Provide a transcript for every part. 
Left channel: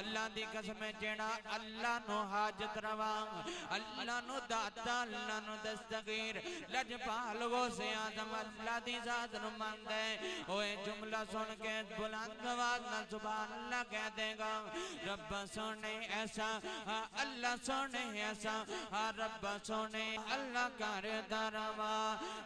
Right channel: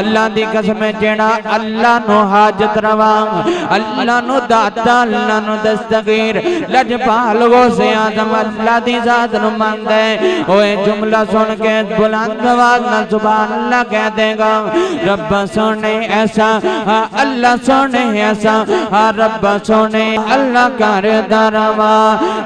अल्लाह दी कसम जेड़ा अल्लाह नो हाजत रवा, अल्लाह नो दाता, अल्लाह नो दस्तगीर लजपाल वो से आदम अल्लाह दी जात नु मंगदा है। ओए जुमला सुन के बुलंद आवाज नाल सुभान अल्लाह कह देगा। रब सोने ऐसा अल्लाह सोने ऐसा रब सोने अल्लाह कर दरवा।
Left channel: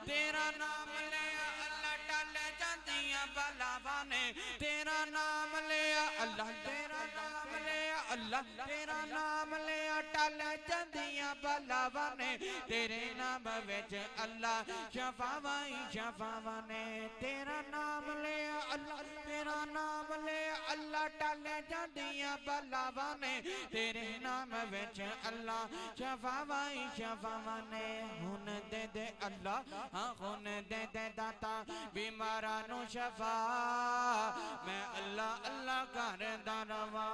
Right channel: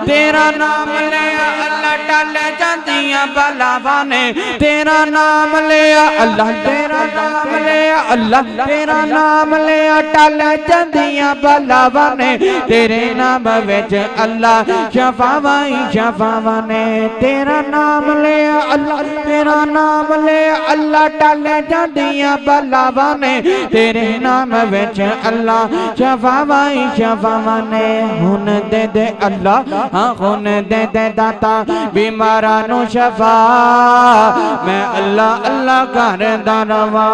तेरा नाम ले अल्लाह टल जांदियां बलावां ने, तेरा नाम ले अल्लाह, तेरा नाम ले अल्लाह, तेरा नाम ले टल जांदियां बलावां ने, तेरे नाम विच अल्लाह शफावां ही शफावां ने। तेरा नाम ले अल्लाह, तेरा नाम ले अल्लाह टल जांदियां बलावां ने, तेरे नाम विच अल्लाह शफावां ही शफावां ने। हुन दे दे अल्लाह, हाँ हुन दे दे दाता बीमारां नू शफा, मैं अल्लाह अल्लाह करदा रवा।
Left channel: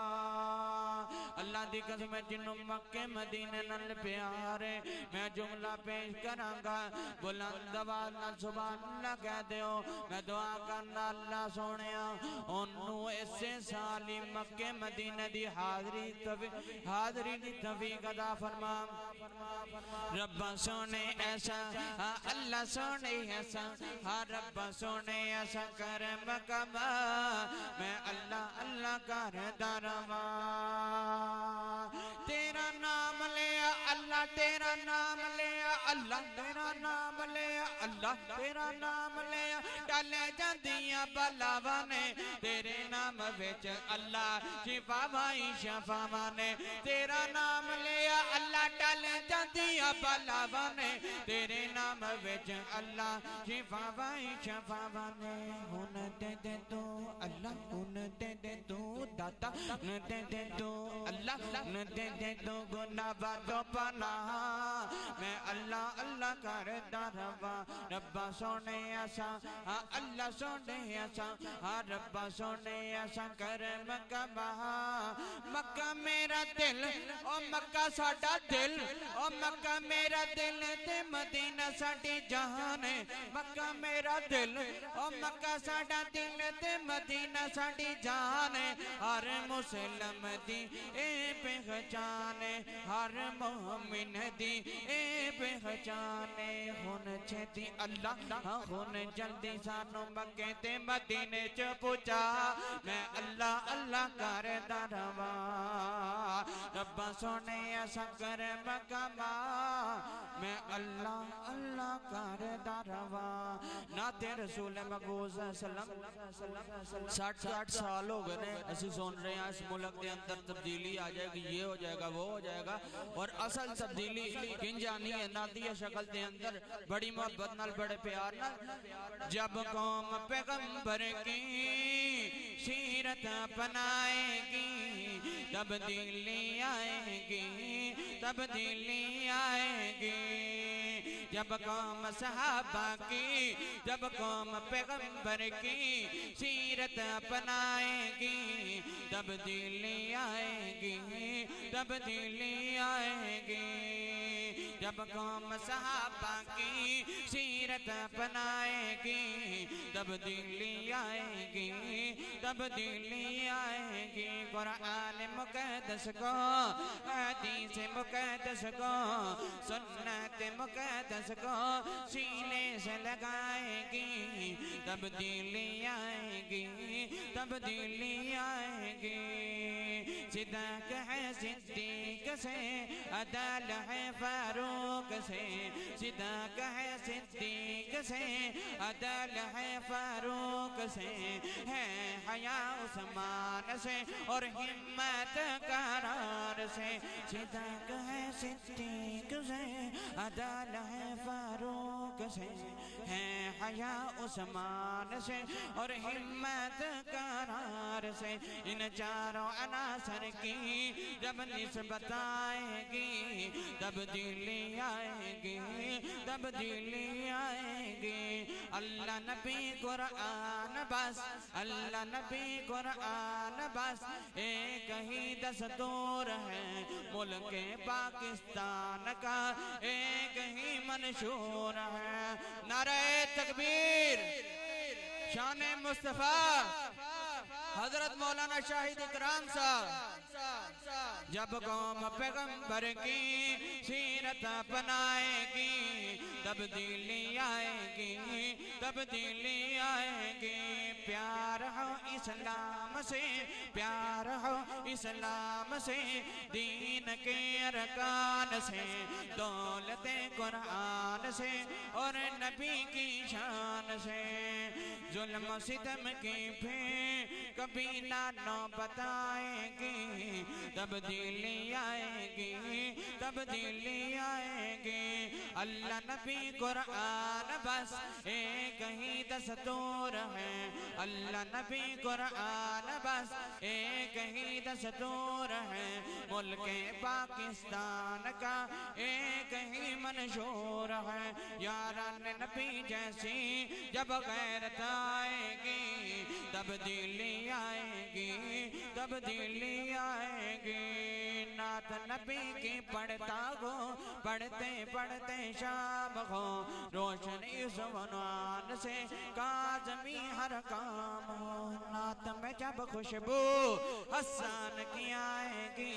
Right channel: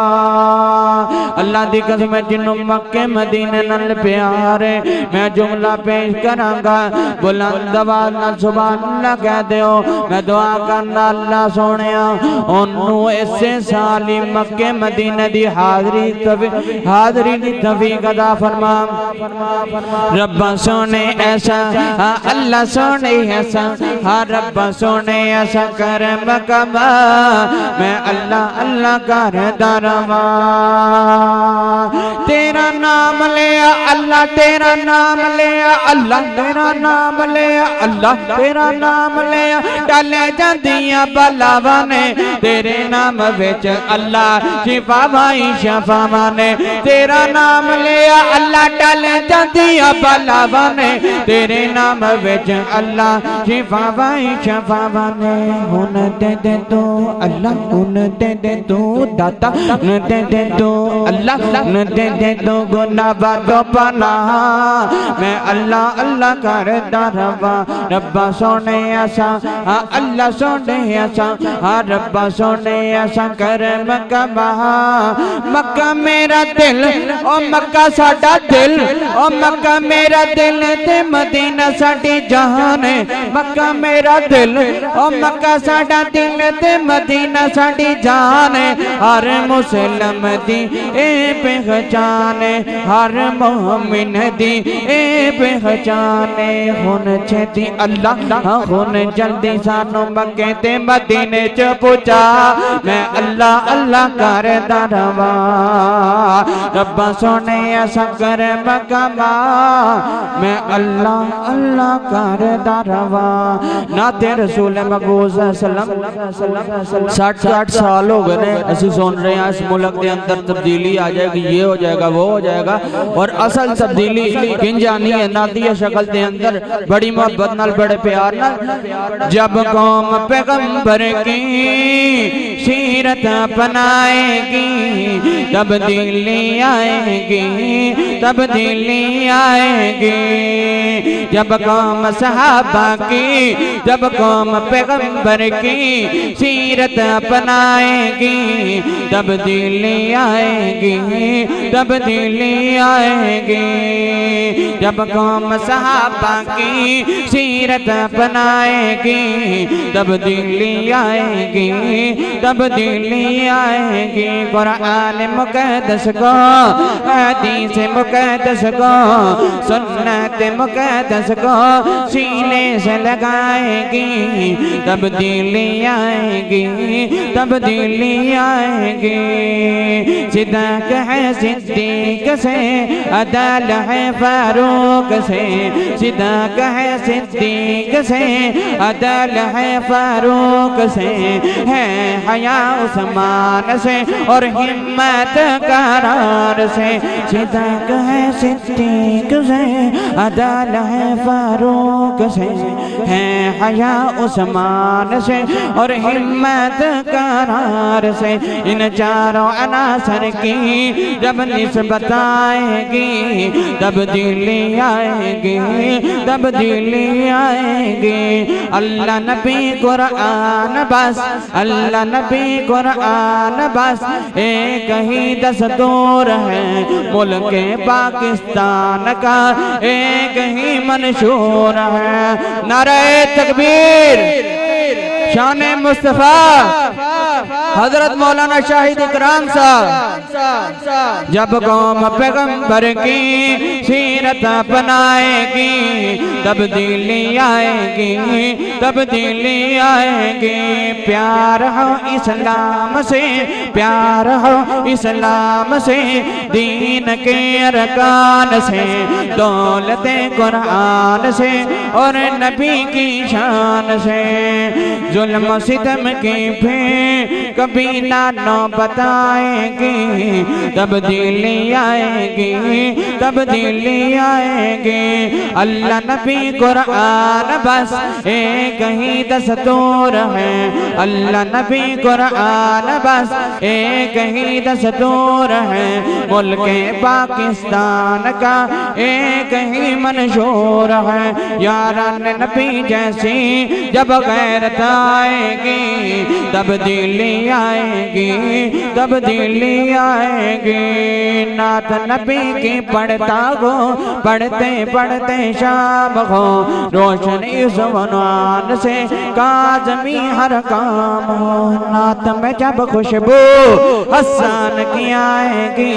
अल्लाह दी कसम जिन्नू मक्के मदीने नाल प्यार है, मैं जुमला पेश करांगा बुलंद आवाज़ नाल सुभान अल्लाह कह दिओ। मैं दुआ करना अल्लाह सोहणिया ओनू इसे साल ही मक्के मदीने दी हाज़री दी तौफीक अता फरमा। रब्बा सोने ऐसा अल्लाह सोने ऐसा रब्बा सोने ऐसा करम कमा, मैं अल्लाह अल्लाह करदा रवा। तेरा नाम ले अल्लाह, तेरा नाम ले अल्लाह, तेरा नाम ले अल्लाह, तेरा नाम ले टल जांदियां बलावां ने, तेरे नाम विच अल्लाह शिफावां ही शफावां ने। तेरा नाम ले अल्लाह टल जांदियां बलावां ने, तेरे नाम विच अल्लाह शिफावां ही शफावां ने। हुन दे दे तू अल्लाह, हुन दे दे तू दाता, हुन दे दे तू अल्लाह, हुन दे दे तू गुनाह बादो पनाह, मैं अल्लाह अल्लाह करदा रवा। रब्बा सोने ऐसा अल्लाह सोने ऐसा रब्बा सोने ऐसा करम कमा। मक्का मेरा दिल ओ मक्का साडा दिल, ओ मक्का मेरा दिल ते मदीना साडी जान है। मक्का मेरा दिल ओ मक्का साडा दिल ते मदीना साडी जान है। हर मुसलम दी ए पहचान है, हर मोमिन दी ए पहचान है। हुन छेती अल्लाह, हुन जल्दी सानू मक्के ते मदीने च पहुंचा, मैं अल्लाह अल्लाह करदा रवा। रब्बा सोने ऐसा करम कमा, मैं अल्लाह अल्लाह करदा रवा। नाते रसूल मकबूल 60 साल हो गए ने असि सुन रहे हैं इस मुल्क के अंदर तब्दीली आ जाएगी, ये हो जाएगा वो हो जाएगा, और असल तब्दीली किंज आनी है नाती शक्ल के अंदर बड़ी मोहब्बत नाल बड़े प्यार नाल। जब कौम पैगंबर की सीरत अपनाएगी तब्दीली आएगी, तब्दीली आएगी। जब कौम सहाबा की, जब कौम पैगंबर की सीरत अपनाएगी तब्दीली आएगी, तब्दीली आएगी। जब कौम सहाबा की सीरत अपनाएगी तब्दीली आएगी, तब्दीली आएगी। कुरान मुक़द्दस को, हदीस मुक़द्दस को, सुन्नत मुक़द्दस को सीने से लगाएगी तब्दीली आएगी, तब्दीली आएगी। सिद्दीक़ है सिद्दीक़ से, अदल है फारूक से, सिद्दीक़ है सिद्दीक़ से, अदल है फारूक से, है हया उस्मान से और हिम्मत करार से। सिद्दीक़ है सिद्दीक़ से, अदल है फारूक से, है हया उस्मान से और हिम्मत करार से। इन चारों अनासर की जब निस्बत आएगी तब्दीली आएगी, तब्दीली आएगी। अल्लाह नबी कुरान बस, अल्लाह नबी कुरान बस, एक ही दस्तूर है मुल्क पाकिस्तान का, एक ही मंशूर है। नारे तकबीर, शान मुस्तफा। हजरत मौलाना शाहिद इकराम साहब जब कौम पैगंबर की सीरत अपनाएगी तब्दीली आएगी, तब्दीली आएगी। प्यार हो इस्लाम से, प्यार हो इस्लाम से, दीन के अरकान से, दौलते कुरान से और नबी की शान से। जुल्म सितम की फिर कभी ना बताएगी, तब्दीली आएगी, तब्दीली आएगी। अल्लाह नबी कुरान बस एक ही दस्तूर है, अल्लाह नबी कुरान बस एक ही दस्तूर है। मुल्क पाकिस्तान का एक ही मंशूर है। यारान नबी जैसी जब गैरत आएगी तब्दीली आएगी, तब्दीली आएगी। नात नबी की पढ़ता हो, पढ़ते पढ़ते शाम हो, रोशनी ज़ुबान से काज़मी हर काम हो। नात में जब खुशबू हसन की आएगी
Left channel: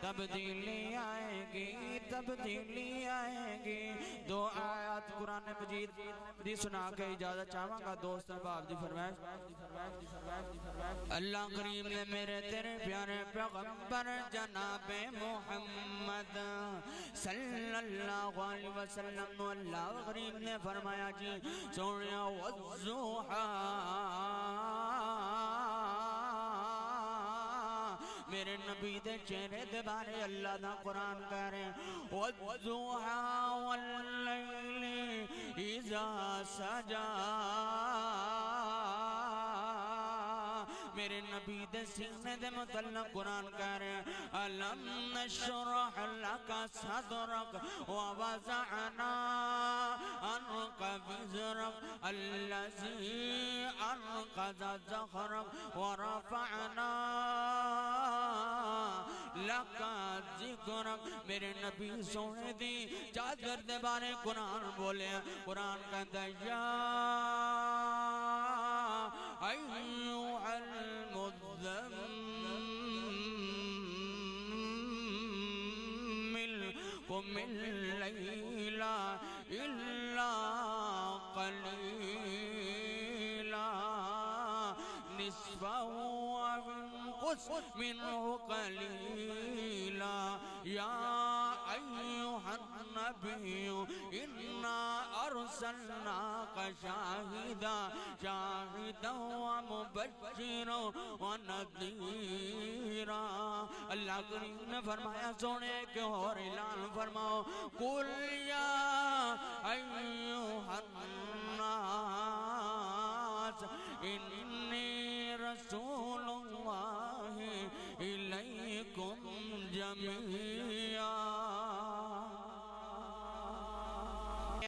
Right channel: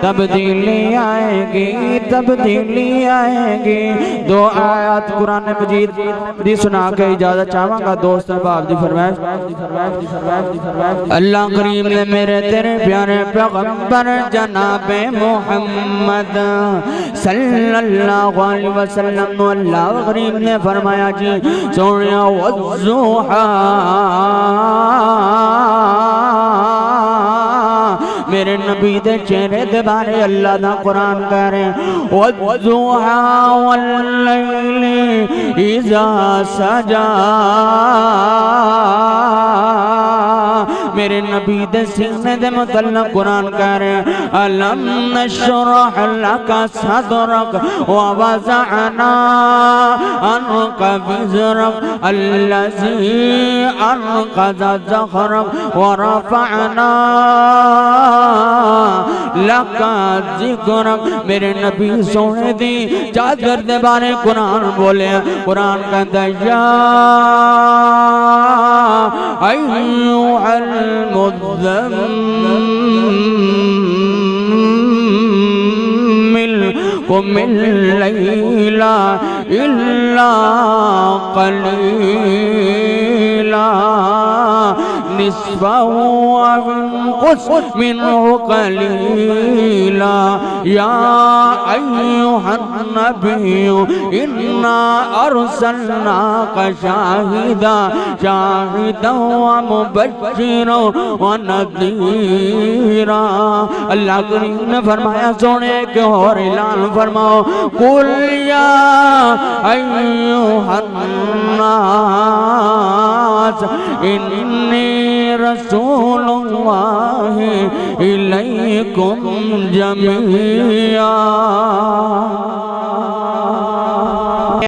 तब्दीली आएगी, तब्दीली आएगी। दो आयत कुरान मजीद दी सुना के इजाजत चाहूंगा दोस्त बाप दी फरमाइश। अल्लाह करीम ने मेरे तेरे प्यारे पैगंबर जनाबे मोहम्मद सल्लल्लाहु अलैहि वसल्लम अल्लाह करीम ने फरमाया जी सोनिया वज़ुहा मेरे नबी दे चेहरे दे बारे अल्लाह दा कुरान कह रहे वज़ुहा वल्लैली इज़ा सजा। मेरे नबी दे सीने दे मुतल्लक़ कुरान कह रहे अलम नशरह लका सदरक व वज़अना अन्का विज़रक अल्लज़ी अन्क़ज़ ज़हरक व रफ़अना लका ज़िक्रक। मेरे नबी सोने दी चादर दे बारे कुरान बोले, कुरान कहता या अय्युहल मुज़म्मिल कुमिल लैला इल्ला क़लीला निस्फ़हु अव इंक़ुस मिन्हु क़लीला या अय्युहन नबिय्यु इन्ना अर्सलनाका शाहिदन व मुबश्शिरन व नज़ीरा। अल्लाह करीम ने फरमाया सोने के और ऐलान फरमाओ कुल या अय्युहन नास इन्नी रसूलुल्लाहि इलैकुम जमीआ।